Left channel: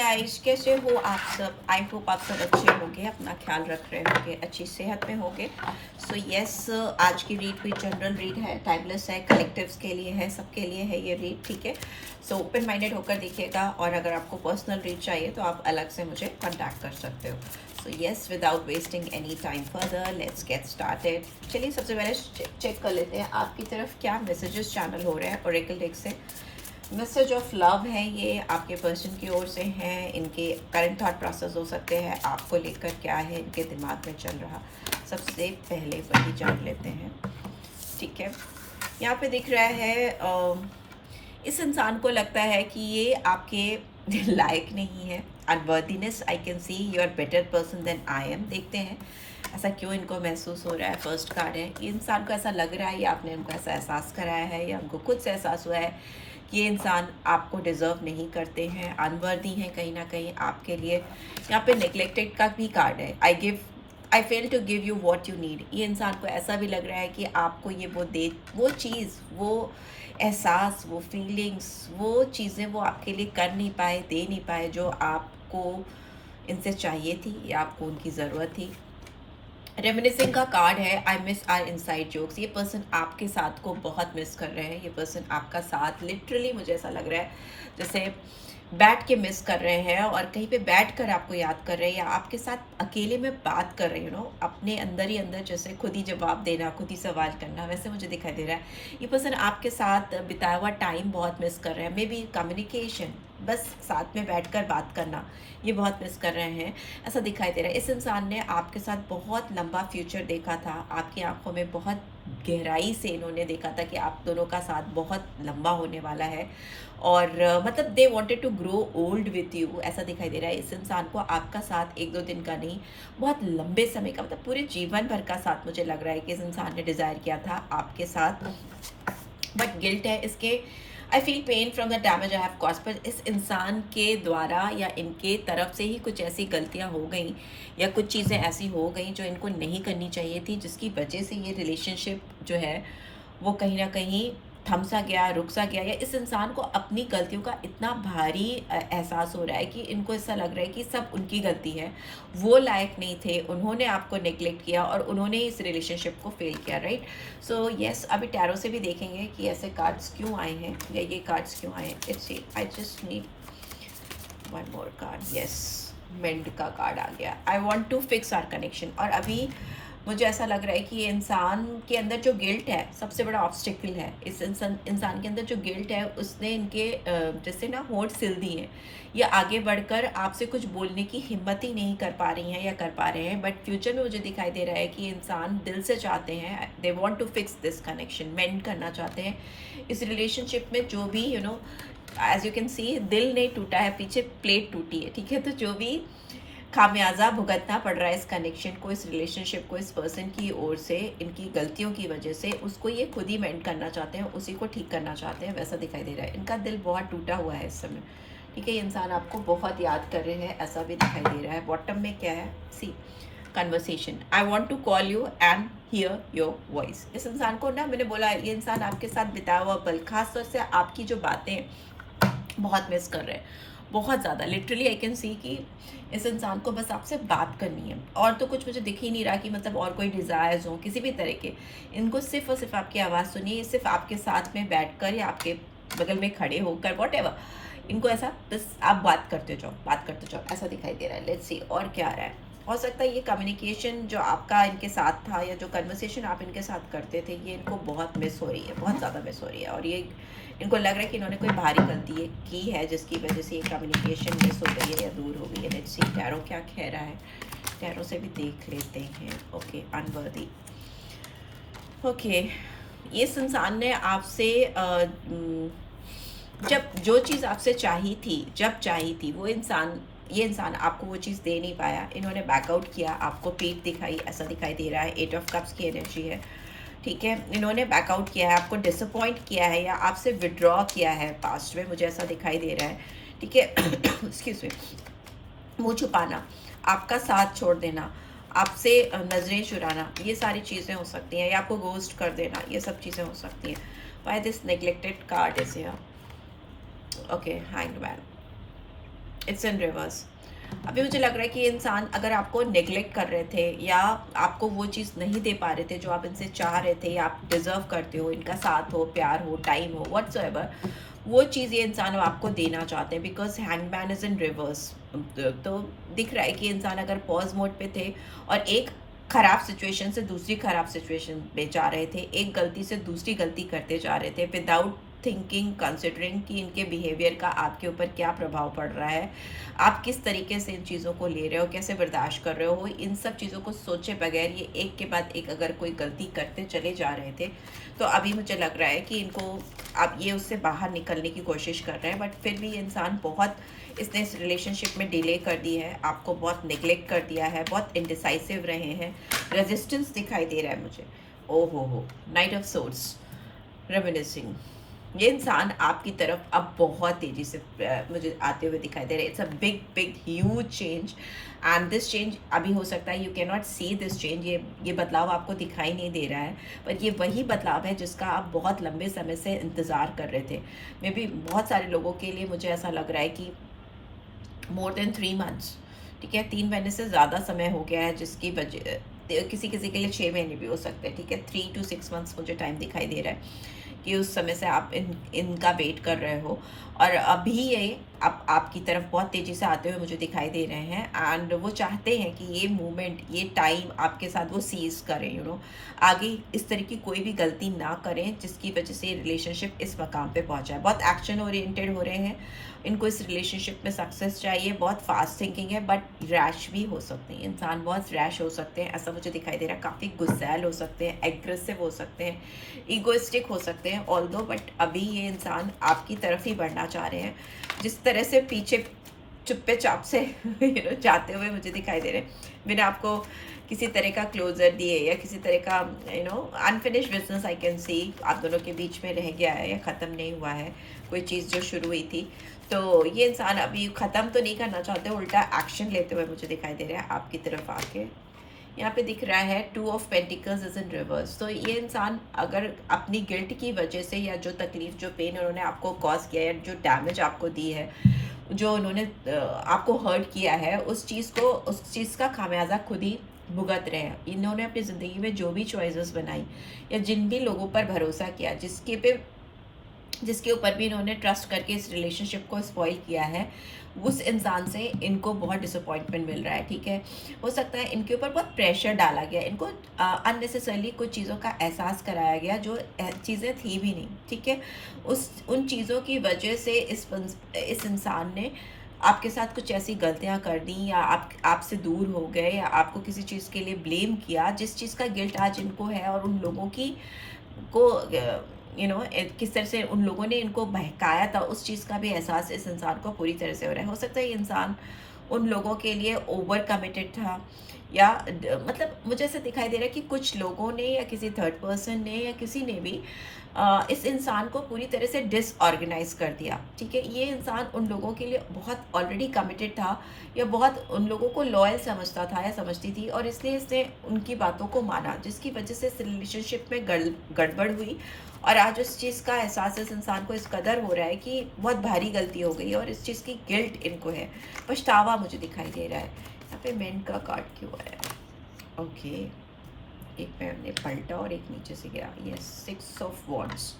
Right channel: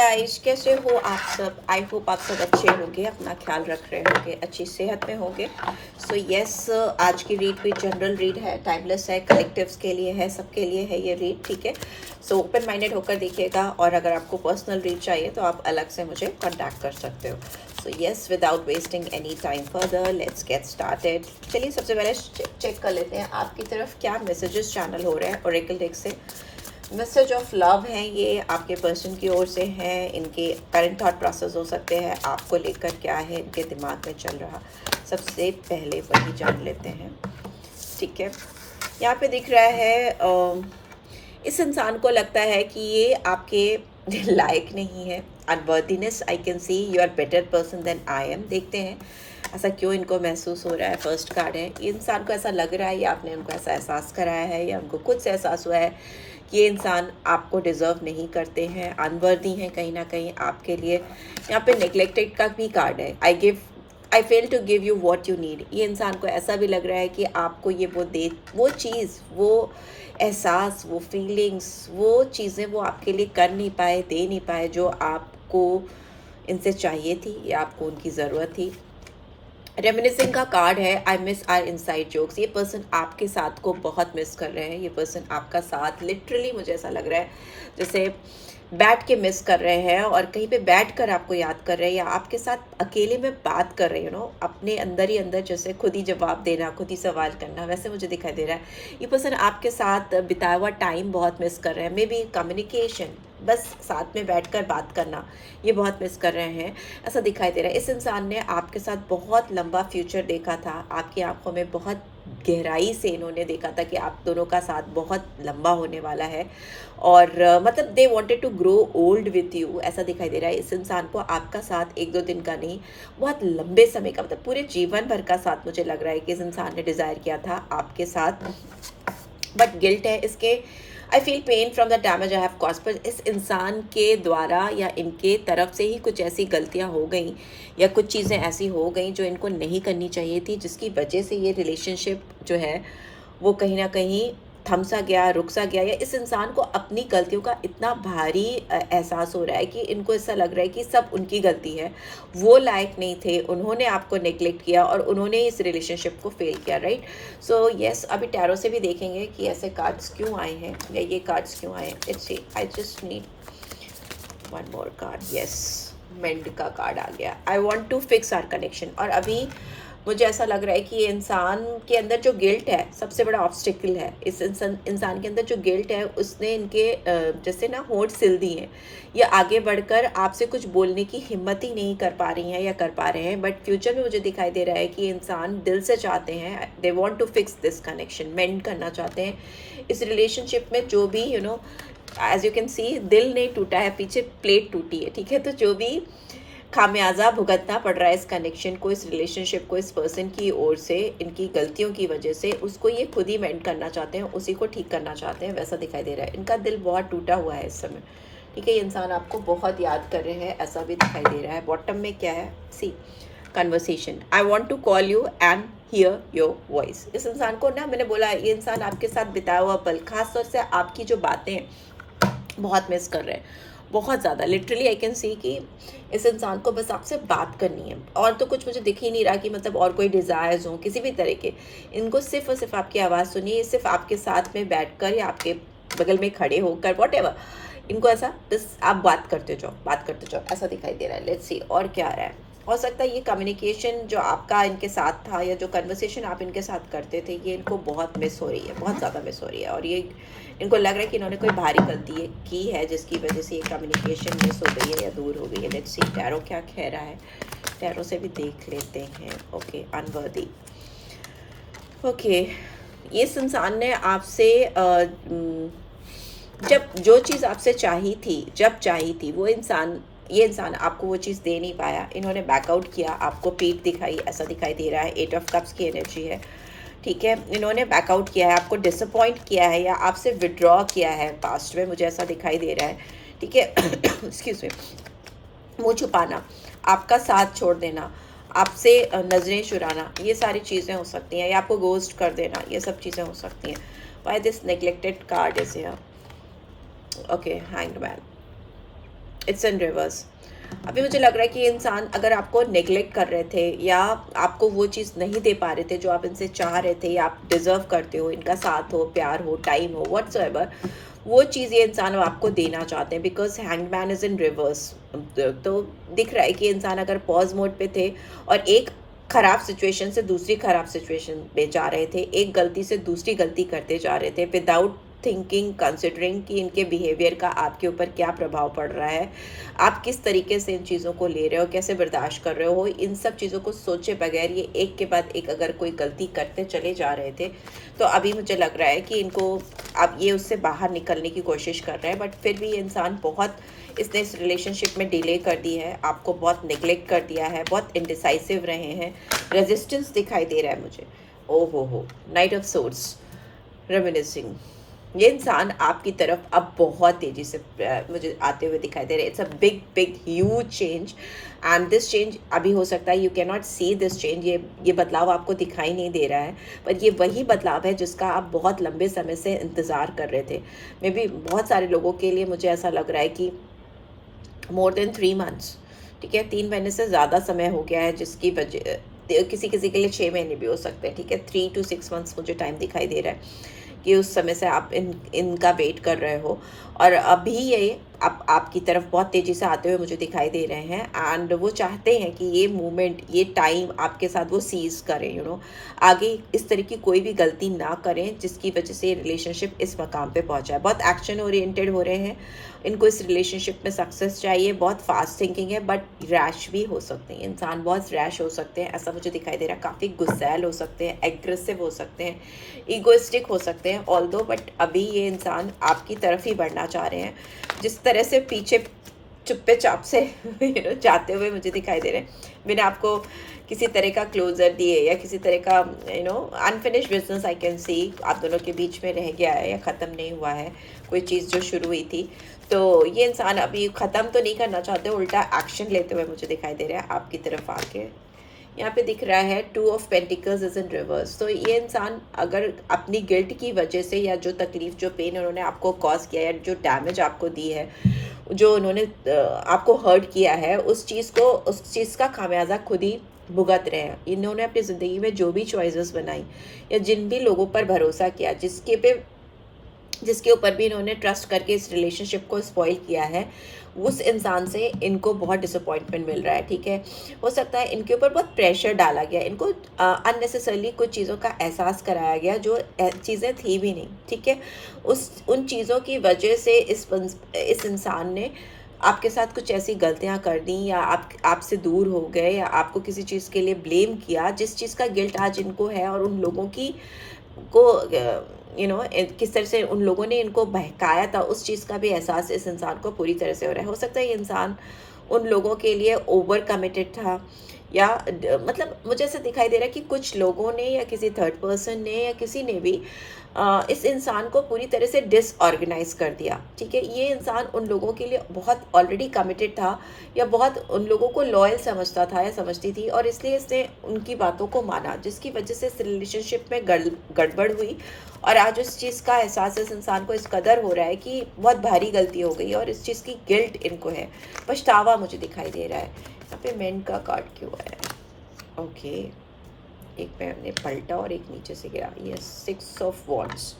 Guys, कैसे हो आप सब? आई होप आप सब अच्छे होंगे, अपना ख्याल रख रहे होंगे, अच्छी सेहत में होंगे। सो यस, आज की रीड भी जनरल रीड है, टाइमलेस है, कलेक्टिव्स के लिए है, सबके लिए है ये रीड, ठीक है। सो ओपन माइंडेड होकर देखिएगा, और अगर आपको पर्सनल रीड चाहिए तो आप अलग से मुझे कॉन्टैक्ट कर सकते हो। So yes, without wasting any time further, let's get started. चलिए सबसे पहले चेक कर लेते हैं आपकी तरफ क्या मैसेजेस चैनल हो रहे हैं ओरेकल डेक से। मैसेज ऑफ लव है ये, आपके पर्सन की ओर से है। इनके करंट थॉट प्रोसेस हो सकते हैं, आपको लेकर क्या है इनके दिमाग में चल रहा, सबसे पहले वही जान लेते हैं, ठीक है। यहाँ पे दिख रहा है इस इंसान को लगता है कि ये आपके लायक नहीं है। Unworthiness, I can see you are better person than I am. देखते हैं ऐसा क्यों इनको महसूस हो रहा है। फर्स्ट कार्ड है, ये इंसान को ऐसा लग रहा है या आपने उनको ऐसा एहसास कराया है या उनको खुद से एहसास हुआ है कि ये इंसान आपको डिज़र्व नहीं करते हैं, अनवर्दी हैं कहीं ना कहीं आपके लिए। यहाँ पे नेग्लेक्टेड का भी कार्ड है। I fail to give you what you need. ये इंसान को ऐसा भी लग रहा है कि आपको ये वो चीज़, वो एहसास, वो फीलिंग्स, वो चीज़ें वो आपके लिए कर नहीं पाए, दे नहीं पाए जो आपको इनसे चाहिए थी या आपको उनकी ज़रूरत थी। रेमिनिसिंग का कार्ड है, I miss our inside jokes. ये पर्सन आपके साथ को बहुत मिस कर रहे हैं। ये पर्सन आपका साथ लिटरली, मुझे ऐसा लग रहा है जैसे बैठ के मिस कर रहे हैं और कहीं पे बैठ कर आपको याद कर रहे हैं, या आपके साथ अकेले में बात कर रहे हैं, अपने अंदर ही अंदर, जैसे खुद ही जवाब देना, खुद ही सवाल करना, वैसे मुझे दिखाई दे रहा है। ये पर्सन आपके साथ बिताया हुआ टाइम बहुत मिस कर रहे हैं। मे बी कम्युनिकेशन, बस साथ में बैठकर बात करना, ये बहुत मिस कर रहे हैं, ऐसा दिखाई दे रहा है। इस इंसान ने आपके साथ बहुत लंबा फ्यूचर देखा था, आपकी आंखों में बहुत गहराई से इन्होंने देखा था कि आप दोनों का साथ बहुत लंबा होने वाला है, और मतलब they wanted to grow old with you, ऐसा दिखाई दे रहा है। इस इंसान को आपका साथ एक दो दिन का नहीं, बहुत लंबे समय का, मतलब पूरे जीवन भर का साथ, मुझे लग रहा है कि इस इंसान ने डिज़ायर किया था आपके साथ। बट गिल्ट है इसके। I feel pain from the damage I have cause. पर इस इंसान के द्वारा या इनके तरफ से ही कुछ ऐसी गलतियां हो गई, या कुछ चीज़ें ऐसी हो गई जो इनको नहीं करनी चाहिए थी, जिसकी वजह से ये रिलेशनशिप जो है वो कहीं ना कहीं थम सा गया, रुक सा गया, या इस इंसान को अपनी गलतियों का इतना भारी एहसास हो रहा है कि इनको ऐसा लग रहा है कि सब उनकी गलती है, वो लायक नहीं थे, उन्होंने आपको नेग्लेक्ट किया और उन्होंने इस रिलेशनशिप को फेल किया, राइट। सो यस, अभी टैरो से भी देखेंगे कि ऐसे कार्ड्स क्यों आए हैं या ये कार्ड्स क्यों आए हैं। Let's see, I just need one more card. Yes, mend का कार्ड आ गया। I want to fix our connection. और अभी मुझे ऐसा लग रहा है कि ये इंसान के अंदर जो गिल्ट है, सबसे बड़ा ऑब्स्टिकल है। इस इंसान के अंदर जो गिल्ट है, उसने इनके जैसे ना होंठ सिल दिए हैं। ये आगे बढ़कर आपसे कुछ बोलने की हिम्मत ही नहीं कर पा रही हैं या कर पा रहे हैं। बट फ्यूचर में मुझे दिखाई दे रहा है कि इंसान दिल से चाहते हैं, they want to fix this connection, mend करना चाहते हैं इस रिलेशनशिप में। जो भी एज यू कैन सी, दिल नहीं टूटा है, पीछे प्लेट टूटी है, ठीक है। तो जो भी खामियाजा भुगतना पड़ रहा है इस कनेक्शन को, इस रिलेशनशिप को, इस पर्सन की ओर से, इनकी गलतियों की वजह से, उसको ये खुद ही मेंड करना चाहते हैं, उसी को ठीक करना चाहते हैं, वैसा दिखाई दे रहा है। इनका दिल बहुत टूटा हुआ है इस समय, ठीक है। ये इंसान आपको बहुत याद कर रहे हैं, ऐसा भी दिखाई दे रहा है। बॉटम में क्या है, see, conversation. I want to call you and hear your voice. इस इंसान को ना, मैंने बोला, ये इंसान आपके साथ बिताया हुआ पल, खासतौर से आपकी जो बातें बहुत मिस कर रहे हैं, बहुत ज़्यादा। लिटरली आई कैन सी कि इस इंसान को बस आपसे बात करनी है, और तो कुछ मुझे दिख ही नहीं रहा कि मतलब और कोई डिज़ायर्स हो किसी भी तरह के। इनको सिर्फ और सिर्फ आपकी आवाज़ सुनिए, सिर्फ आपके साथ में बैठकर या आपके बगल में खड़े होकर, वॉट एवर, इनको ऐसा बस आप बात करते जाओ, बात करते जाओ, ऐसा दिखाई दे रहा है। लेट्स सी और क्या आ रहा है। हो सकता है ये कम्युनिकेशन जो आपका इनके साथ था, या जो कन्वर्सेशन आप इनके साथ करते थे, ये इनको बहुत मिस हो रही है, बहुत ज़्यादा मिस हो रही है। और ये इनको लग रहा है कि इन्होंने कोई भारी गलती की है, जिसकी वजह से ये कम्युनिकेशन मिस हो गई है या दूर हो गई है। लेट्स सी टैरो क्या कह रहा है, टैरो से भी देख लेते हैं। Okay, unworthy. ओके, इस इंसान ने आपसे जब जो चीज़ आपसे चाहिए थी, जब चाहिए थी, ये इंसान आपको वो चीज़ दे नहीं पाया। इन्होंने बैकआउट किया, आपको पीठ दिखाई, ऐसा दिखाई दे रहा है। 8 ऑफ कप्स की एनर्जी है, ठीक है। इन्होंने बैकआउट किया है, आपको डिसअपॉइंट किया है, या आपसे विड्रॉ किया है पास्ट में, मुझे ऐसा दिखाई दे रहा है, ठीक है। Excuse me. मुँह छुपाना, आपका साथ छोड़ देना, आपसे नज़रें चुराना, ये सारी चीज़ें हो सकती हैं, या आपको गोस्ट कर देना, ये सब चीज़ें हो सकती हैं। Why this neglected card is here. Okay, hanged man. It's in reverse. अभी मुझे लग रहा है कि ये इंसान अगर आपको नेग्लेक्ट कर रहे थे या आपको वो चीज़ नहीं दे पा रहे थे जो आप इनसे चाह रहे थे या आप डिजर्व करते हो, इनका साथ हो, प्यार हो, टाइम हो, व्हाट्सएवर, वो चीज़ ये इंसान अब आपको देना चाहते हैं, because hangman is in reverse. तो दिख रहा है कि इंसान अगर पॉज मोड पे थे और एक खराब सिचुएशन से दूसरी खराब सिचुएशन पे जा रहे थे, एक गलती से दूसरी गलती करते जा रहे थे, विदाउट थिंकिंग, कंसिडरिंग कि इनके बिहेवियर का आपके ऊपर क्या प्रभाव पड़ रहा है, आप किस तरीके से इन चीज़ों को ले रहे हो, कैसे बर्दाश्त कर रहे हो, इन सब चीज़ों को सोचे बगैर ये एक के बाद एक अगर कोई गलती करते चले जा रहे थे, तो अभी मुझे लग रहा है कि इनको अब ये उससे बाहर निकलने की कोशिश कर रहे हैं। बट फिर भी ये इंसान बहुत, इसने इस रिलेशनशिप में डिले कर दी है, आपको बहुत निगलेक्ट कर दिया है, बहुत इनडिसाइसिव रहे हैं, रेजिस्टेंस दिखाई दे रहा है मुझे। ओ हो, नाइट ऑफ सोर्ड्स, रेमिनिसिंग। ये इंसान आपकी तरफ अब बहुत तेजी से मुझे आते हुए दिखाई दे रहे हैं। It's a big big huge change, and this change अभी हो सकता है you can not see this change, ये बदलाव आपको दिखाई नहीं दे रहा है, पर ये वही बदलाव है जिसका आप बहुत लंबे समय से इंतज़ार कर रहे थे। मे बी बहुत सारे लोगों के लिए मुझे ऐसा लग रहा है कि मोर देन 3 मंथ्स, ठीक है, 3 महीने से ज़्यादा समय हो गया है, जिसकी वजह किसी किसी के लिए 6 महीने भी हो सकते हैं, ठीक है, 3 to 6 मंथ्स मुझे टाइम दिखाई दे रहा है कि उस समय से आप इनका वेट कर रहे हो, और अभी ये आपकी तरफ बहुत तेज़ी से आते हुए मुझे दिखाई दे रहे हैं, एंड वो चाहते हैं कि ये मोमेंट, ये टाइम आपके साथ वो सीज करें, आगे इस तरह की कोई भी गलती ना करें जिसकी वजह से ये रिलेशनशिप इस मकाम पे पहुंचा है। बहुत एक्शन ओरिएंटेड हो रहे हैं, इनको इस रिलेशनशिप में सक्सेस चाहिए, बहुत फास्ट थिंकिंग है, बट रैश भी हो सकते हैं, इंसान बहुत रैश हो सकते हैं, ऐसा मुझे दिखाई दे रहा है। काफ़ी गुस्सैल हो सकते हैं, एग्रेसिव हो सकते हैं, ईगोइस्टिक हो सकते हैं ऑल दो, बट अभी ये इंसान आपकी तरफ ही बढ़ना चाह रहे हैं। जिस तरह से पीछे चुप्पे चाप से जाते हुए मुझे दिखाई दे रहे हैं, बिना आपको किसी तरह का क्लोजर दिए या किसी तरह का अनफिनिश बिजनेस आई कैन सी आप दोनों के बीच में रह गया है या ख़त्म नहीं हुआ है कोई चीज़ जो शुरू हुई थी। तो ये इंसान अभी ख़त्म तो नहीं करना चाहते, उल्टा एक्शन लेते हुए मुझे दिखाई दे रहा है आपकी तरफ आके। यहाँ पे दिख रहा है 2 of pentacles is in reverse. तो ये इंसान अगर अपनी गिल्ट की वजह से या जो तकलीफ, जो पेन उन्होंने आपको कॉज किया है, जो डैमेज आपको दी है, जो उन्होंने आपको हर्ट किया है, उस चीज़ का खामियाजा खुद ही भुगत रहे हैं। इन्होंने अपनी ज़िंदगी में जो भी चॉइसेस बनाई या जिन भी लोगों पर भरोसा किया, जिसके ऊपर भी इन्होंने ट्रस्ट करके इस रिलेशनशिप को स्पॉइल किया है, उस इंसान से इनको बहुत डिसअपॉइंटमेंट मिल रहा है, ठीक है। हो सकता है इनके ऊपर बहुत प्रेशर डाला गया, इनको अननेसेसरली कुछ चीज़ों का एहसास कराया गया जो चीज़ें थी भी नहीं, ठीक है। उन चीज़ों की वजह से इस इंसान ने आपके साथ कुछ ऐसी गलतियां कर दी, या आपसे दूर हो गए, या आपको किसी चीज़ के लिए ब्लेम किया जिस चीज़ का गिल्ट आज इनको है, और उन लोगों को किस तरह से उन लोगों ने इनको बहकाया था, उस चीज़ का भी एहसास इस इंसान को पूरी तरह से हो रहा है। हो सकता है ये इंसान उन लोगों के लिए ओवर कमिटेड था, या मतलब मुझे ऐसा दिखाई दे रहा है कि कुछ लोगों ने या किसी थर्ड पर्सन ने या किसी ने भी इस इंसान को पूरी तरह से डिसऑर्गेनाइज कर दिया, ठीक है। ये इंसान उन लोगों के लिए बहुत ऑलरेडी कमिटेड था, या बहुत उन लोगों को लॉयल समझता था या समझती थी, और इसलिए इसने उनकी बातों को माना, जिसकी वजह से इस रिलेशनशिप में गड़बड़ हुई, और आज उस चीज़ का एहसास इस इंसान को इस कदर हो रहा है कि बहुत भारी गलती हो गई, और इस चीज़ की गिल्ट इनको है, पछतावा मुझे दिखाई दे रहा है। यहाँ पे मेंट का कार्ड क्यों है? ओके, एक पे हमने पलटा और एक नीचे से गिरा। ये 6 ऑफ वॉन्ड्स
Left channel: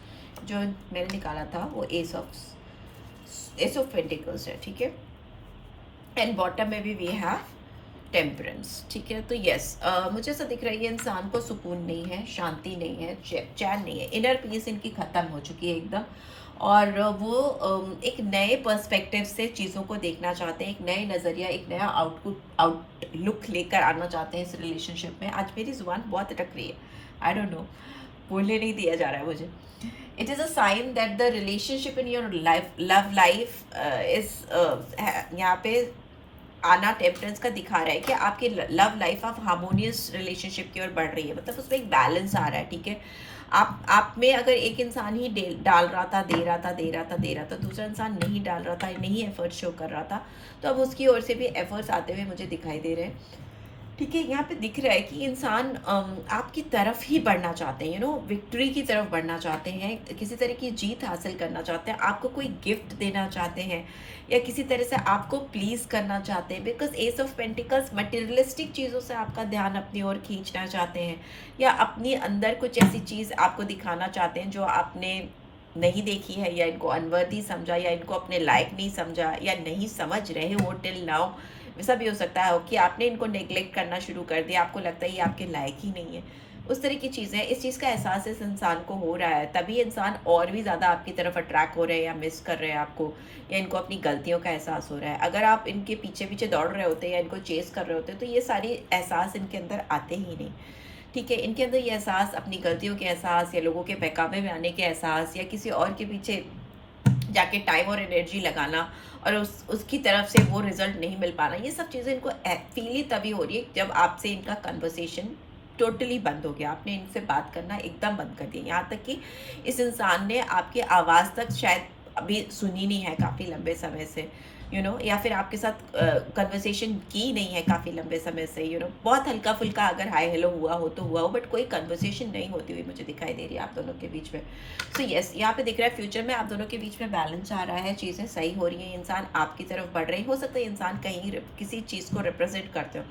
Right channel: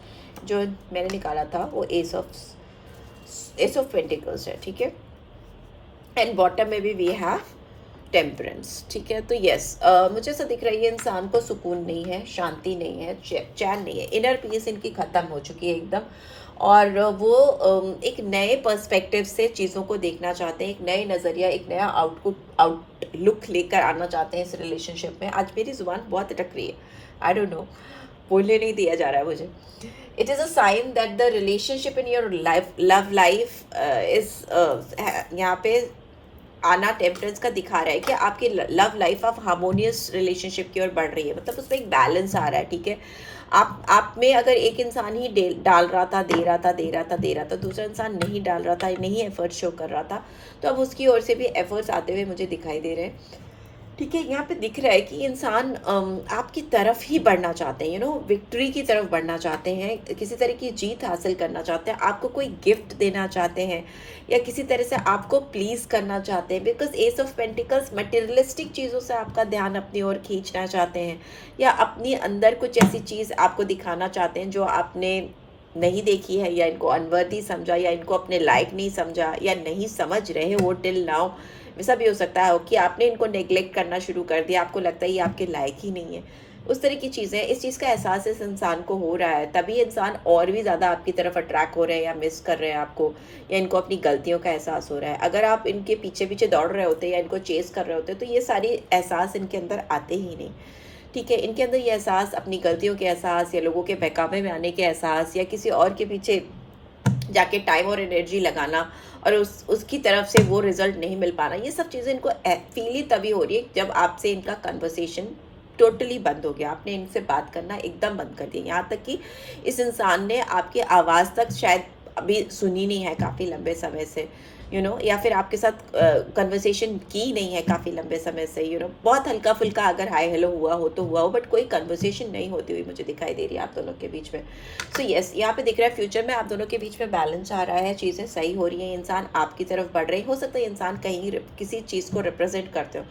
जो मैंने निकाला था वो एस ऑफ पेंटिकल्स है, ठीक है। एंड बॉटम में भी वी हैव टेम्परेंस, ठीक है। तो यस, मुझे ऐसा दिख रहा है ये इंसान को सुकून नहीं है, शांति नहीं है, चैन नहीं है, इनर पीस इनकी ख़त्म हो चुकी है एकदम, और वो एक नए पर्सपेक्टिव से चीज़ों को देखना चाहते हैं, एक नए नज़रिया, एक नया आउटलुक लेकर आना चाहते हैं इस रिलेशनशिप में। आज मेरी ज़ुबान बहुत अटक रही है, आई डोंट नो, बोलने नहीं दिया जा रहा है मुझे। It is a sign that the relationship in your love life is यहाँ पे आना टेम्परेंस का दिखा रहा है कि आपकी love life of harmonious relationship की ओर बढ़ रही है, मतलब उसमें एक बैलेंस आ रहा है, ठीक है। आप में अगर एक इंसान ही डाल रहा था, दे रहा था, दूसरा इंसान नहीं डाल रहा था, नहीं एफर्ट शो कर रहा था, तो अब उसकी ओर से भी एफर्ट्स आते हुए मुझे दिखाई दे रहे हैं, ठीक है, यहाँ पे दिख रहा है कि इंसान आपकी तरफ ही बढ़ना चाहते हैं, विक्ट्री की तरफ बढ़ना चाहते हैं, किसी तरह की जीत हासिल करना चाहते हैं, आपको कोई गिफ्ट देना चाहते हैं, या किसी तरह से आपको प्लीज करना चाहते हैं, because S of pentacles materialistic चीज़ों से आपका ध्यान अपनी ओर खींचना चाहते हैं, या अपनी अंदर कुछ ऐसी चीज़ आपको दिखाना चाहते हैं जो आपने नहीं देखी है, या इनको अनवर्दी समझा, या इनको अपने लायक नहीं समझा, या नहीं समझ रहे हो टिल नाउ। ऐसा भी हो सकता है कि आपने इनको नेग्लेक्ट करना शुरू कर दिया, आपको लगता है ये आपके लायक ही नहीं है। उस तरह की चीज़ें, इस चीज़ का एहसास इस इंसान को हो रहा है, तभी इंसान और भी ज़्यादा आपकी तरफ अट्रैक्ट हो रहे हैं, या मिस कर रहे हैं आपको, या इनको अपनी गलतियों का एहसास हो रहा है। अगर आप इनके पीछे पीछे दौड़ रहे होते या इनको चेस कर रहे होते तो ये सारी एहसास इनके अंदर आते ही नहीं। ठीक है, इनके अंदर ये एहसास, अपनी गलतियों के एहसास, या लोगों के बहकावे में आने के एहसास, या किसी और के पीछे जाके टाइम और एनर्जी लगाना और उसकी तरफ से वो रिजल्ट नहीं मिल पाना, ये सब चीज़ें इनको फील ही तभी हो रही है जब आपसे इनका कन्वर्सेशन टोटली बंद हो गया, आपने इनसे बात करना एकदम बंद कर दिया। यहाँ तक कि इस इंसान ने आपकी आवाज़ तक शायद अभी सुनी नहीं है काफ़ी लंबे समय से, या फिर आपके साथ कन्वर्सेशन की नहीं है काफ़ी लंबे समय से, बहुत हल्का फुल्का अगर हाय हेलो हुआ हो, बट कोई कन्वर्सेशन नहीं होती हुई मुझे दिखाई दे रही है आप दोनों के बीच में। सो यस, यहाँ पे दिख रहा है फ्यूचर में आप दोनों के बीच में बैलेंस आ रहा है, चीज़ें सही हो रही हैं, इंसान आपकी तरफ बढ़ रही हो सकता है इंसान कहीं किसी चीज़ को रिप्रेजेंट करते हो।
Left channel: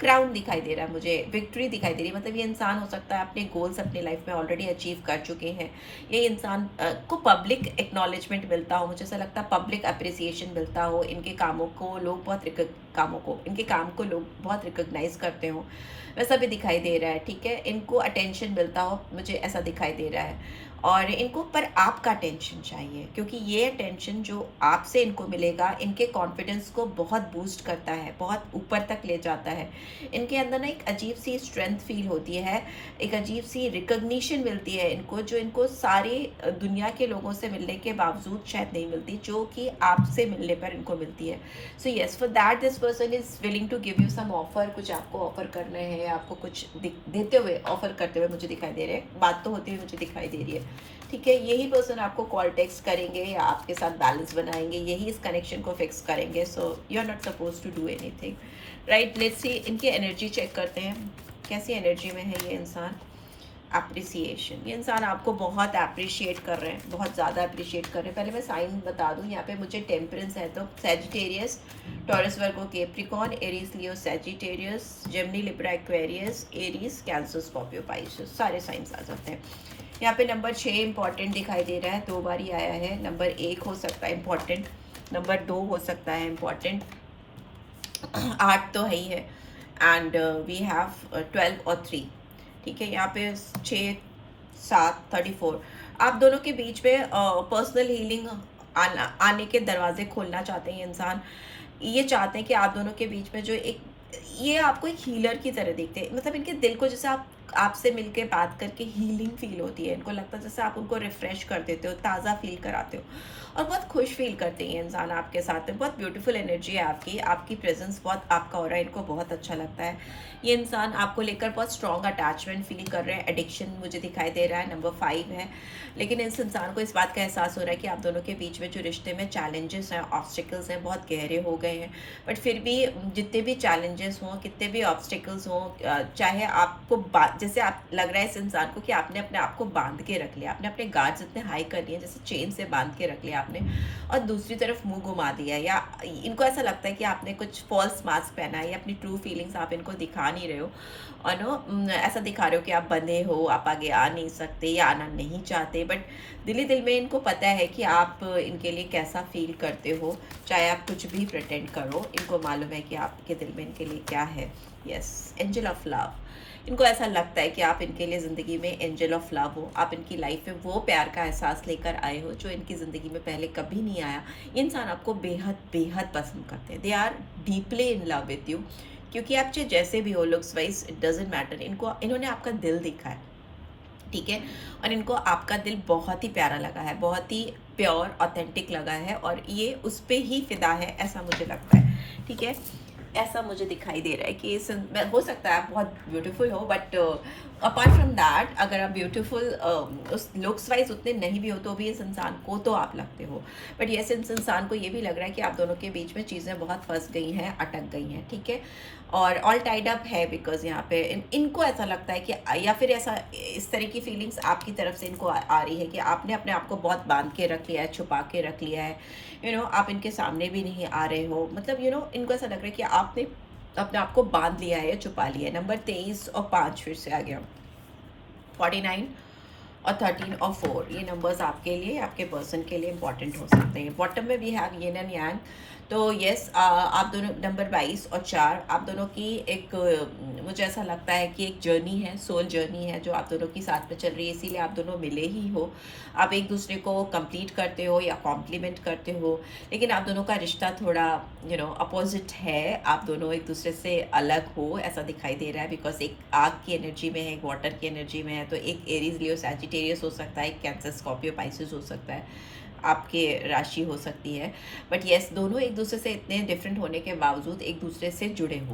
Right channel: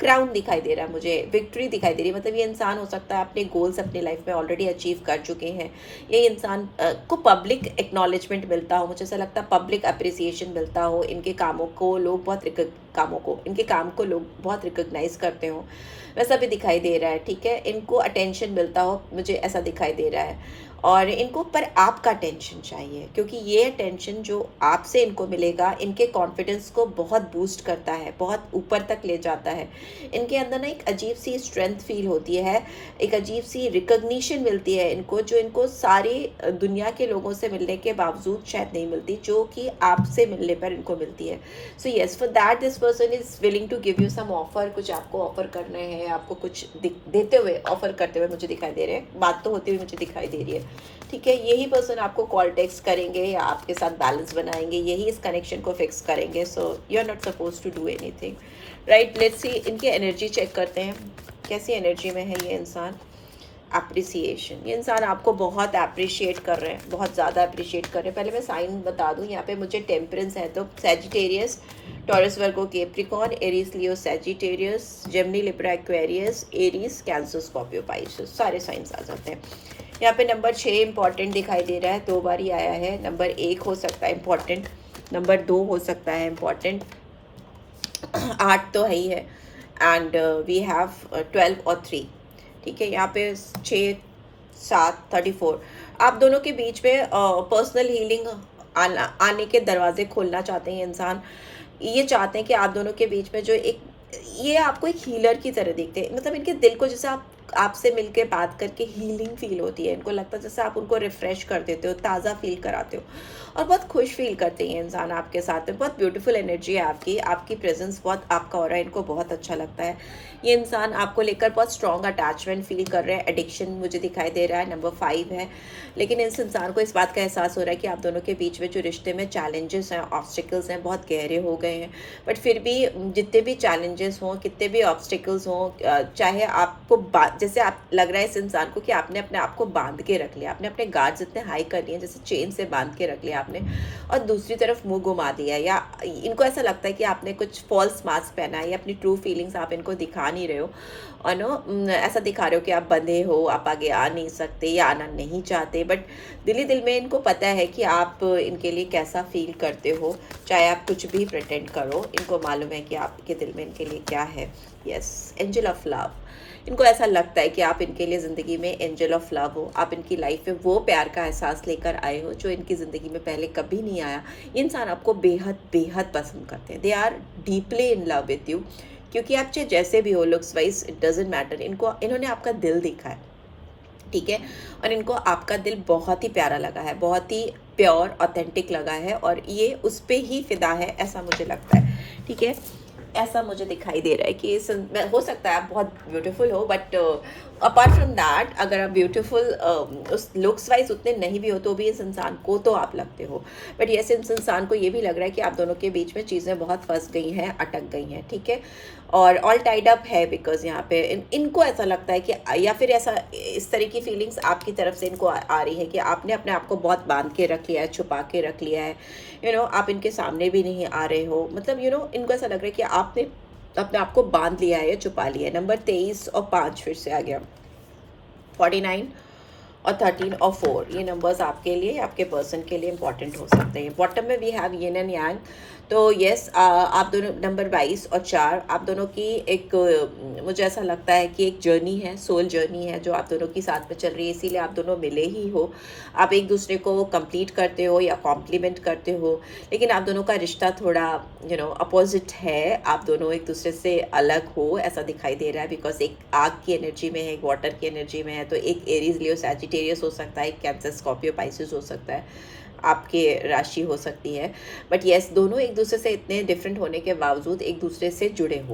क्राउन दिखाई दे रहा है मुझे, विक्ट्री दिखाई दे रही है, मतलब ये इंसान हो सकता है अपने गोल्स अपनी लाइफ में ऑलरेडी अचीव कर चुके हैं। ये इंसान को पब्लिक एक्नॉलेजमेंट मिलता हो, मुझे ऐसा लगता है पब्लिक अप्रिसिएशन मिलता हो, इनके कामों को लोग इनके काम को लोग बहुत रिकॉग्नाइज करते हो, वैसा भी दिखाई दे रहा है। ठीक है, इनको अटेंशन मिलता हो, मुझे ऐसा दिखाई दे रहा है, और इनको पर आपका अटेंशन चाहिए, क्योंकि ये अटेंशन जो आपसे इनको मिलेगा इनके कॉन्फिडेंस को बहुत बूस्ट करता है, बहुत ऊपर तक ले जाता है। इनके अंदर ना एक अजीब सी स्ट्रेंथ फील होती है, एक अजीब सी रिकग्निशन मिलती है इनको, जो इनको सारी दुनिया के लोगों से मिलने के बावजूद शायद नहीं मिलती, जो कि आपसे मिलने पर इनको मिलती है। So yes, for that this person is willing to give you some offer, कुछ आपको ऑफर करने हैं, आपको कुछ देते हुए, ऑफर करते हुए मुझे दिखाई दे रहे हैं, बात तो होती हुई मुझे दिखाई दे रही है। ठीक है, यही पर्सन आपको कॉल टेक्स्ट करेंगे या आपके साथ बैलेंस बनाएंगे, यही इस कनेक्शन को फिक्स करेंगे। So you are not suppose to do anything, right. Let's see, इनकी एनर्जी चेक करते हैं, कैसी एनर्जी में है ये इंसान। अप्रिसिएशन, ये इंसान आपको बहुत अप्रिशिएट कर रहे हैं, बहुत ज़्यादा अप्रिशिएट कर रहे हैं। पहले मैं साइन बता दूं, यहाँ पे मुझे टेम्परेंस है, तो Sagittarius, Taurus, Virgo, Capricorn, Aries, Leo, Sagittarius, Gemini, Libra, Aquarius, Aries, Cancer, Scorpio, Pisces, सारे साइंस आ जाते हैं। यहाँ पे नंबर 6 इंपॉर्टेंट दिखाई दे रहा है, 2 बार ही आया है। नंबर 1 हो सकता है इंपॉर्टेंट, नंबर 2 हो सकता है इंपॉर्टेंट, 8 तो है ही है, एंड वी हैव 12 और 3। ठीक है, यहाँ पे 6, 7, 34, आप दोनों के बीच में पर्सनल हीलिंग आने के दरवाजे खोलना चाहते हैं इंसान। ये चाहते हैं कि आप दोनों के बीच में जो एक, ये आपको एक हीलर की तरह देखते हैं, मतलब इनके दिल को जैसे आपसे मिलके बात करके हीलिंग फील होती है, इनको लगता है जैसे आप उनको रिफ्रेश कर देते हो, ताज़ा फील कराते हो, और बहुत खुश फील करते हैं इंसान आपके साथ में। बहुत ब्यूटीफुल एनर्जी है आपकी, आपकी प्रेजेंस बहुत आपका हो रहा है, इनको बहुत अच्छा लगता है। ये इंसान आपको लेकर बहुत स्ट्रॉन्ग अटैचमेंट फील कर रहे हैं, एडिक्शन मुझे दिखाई दे रहा है, नंबर 5 है। लेकिन इस इंसान को इस बात का एहसास हो रहा है कि आप दोनों के बीच में जो रिश्ते में चैलेंजेस हैं, ऑब्स्टिकल्स हैं, बहुत गहरे हो गए हैं, बट फिर भी जितने भी चैलेंजेस हों, कितने भी ऑब्स्टिकल्स हों, चाहे आपको जैसे आप लग रहा है इस इंसान को कि आपने अपने आप को बांध के रख लिया, आपने अपने गार्ड्स इतने हाई कर लिए, जैसे चेन से बांध के रख लिया आपने, और दूसरी तरफ मुंह घुमा दिया, या इनको ऐसा लगता है कि आपने कुछ फॉल्स मास्क पहना है, या अपनी ट्रू फीलिंग्स आप इनको दिखा नहीं रहे हो, और ऐसा दिखा रहे हो कि आप बंधे हो, आप आगे आ नहीं सकते या आना नहीं चाहते, बट दिल ही दिल में इनको पता है कि आप इनके लिए कैसा फील करते हो, चाहे आप कुछ भी प्रिटेंड करो, इनको मालूम है कि आपके दिल में इनके लिए क्या है। यस, एंजल ऑफ लव, इनको ऐसा लगता है कि आप इनके लिए ज़िंदगी में एंजल ऑफ लव हो, आप इनकी लाइफ में वो प्यार का एहसास लेकर आए हो जो इनकी ज़िंदगी में पहले कभी नहीं आया। ये इंसान आपको बेहद बेहद पसंद करते हैं, they are deeply in love with you, क्योंकि आप चाहे जैसे भी हो, looks wise it doesn't matter, इन्होंने आपका दिल देखा है। ठीक है, और इनको आपका दिल बहुत ही प्यारा लगा है, बहुत ही प्योर ऑथेंटिक लगा है, और ये उस पर ही फिदा है, ऐसा मुझे लगता है। ठीक है, ऐसा मुझे दिखाई दे रहा है कि हो सकता है आप बहुत ब्यूटीफुल हो, बट अपार्ट फ्रॉम दैट अगर आप ब्यूटीफुल उस लुक्स वाइज उतने नहीं भी हो तो भी इस इंसान को तो आप लगते हो, बट यस इस इंसान को ये भी लग रहा है कि आप दोनों के बीच में चीज़ें बहुत फंस गई हैं, अटक गई हैं, ठीक है, और ऑल टाइड अप है, बिकॉज यहाँ पे इनको ऐसा लगता है कि, या फिर ऐसा इस तरह की फीलिंग्स आपकी तरफ से इनको आ रही है कि आपने अपने आप को बहुत बांध के रख लिया है, छुपा के रख लिया है, आप इनके सामने भी नहीं आ रहे हो, मतलब इनको ऐसा लग रहा है कि आपने अपने आप को बांध लिया है, छुपा लिया है। नंबर 23 और 5 फिर से आ गया, 49 और 13 और 4, ये नंबर्स आपके लिए, आपके पर्सन के लिए इंपॉर्टेंट हो सकते हैं। बॉटम में we have yin and yang, तो यस आप दोनों नंबर 22 और 4 आप दोनों की एक मुझे ऐसा लगता है कि एक जर्नी है, सोल जर्नी है जो आप दोनों की साथ में चल रही है, इसीलिए आप दोनों मिले ही हो। आप एक दूसरे को कंप्लीट करते हो या कॉम्प्लीमेंट करते हो, लेकिन आप दोनों का रिश्ता थोड़ा अपोजिट है, आप दोनों एक दूसरे से अलग हो ऐसा दिखाई दे रहा है, बिकॉज एक आग की एनर्जी में है, एक वाटर की एनर्जी में है, तो एक एरीज लियो सैजिटेरियस हो सकता है, एक कैंसर स्कॉर्पियो पाइसेस हो सकता है, आपके राशि हो सकती है, बट यस दोनों एक दूसरे से इतने डिफरेंट होने के बावजूद एक दूसरे से जुड़े हो।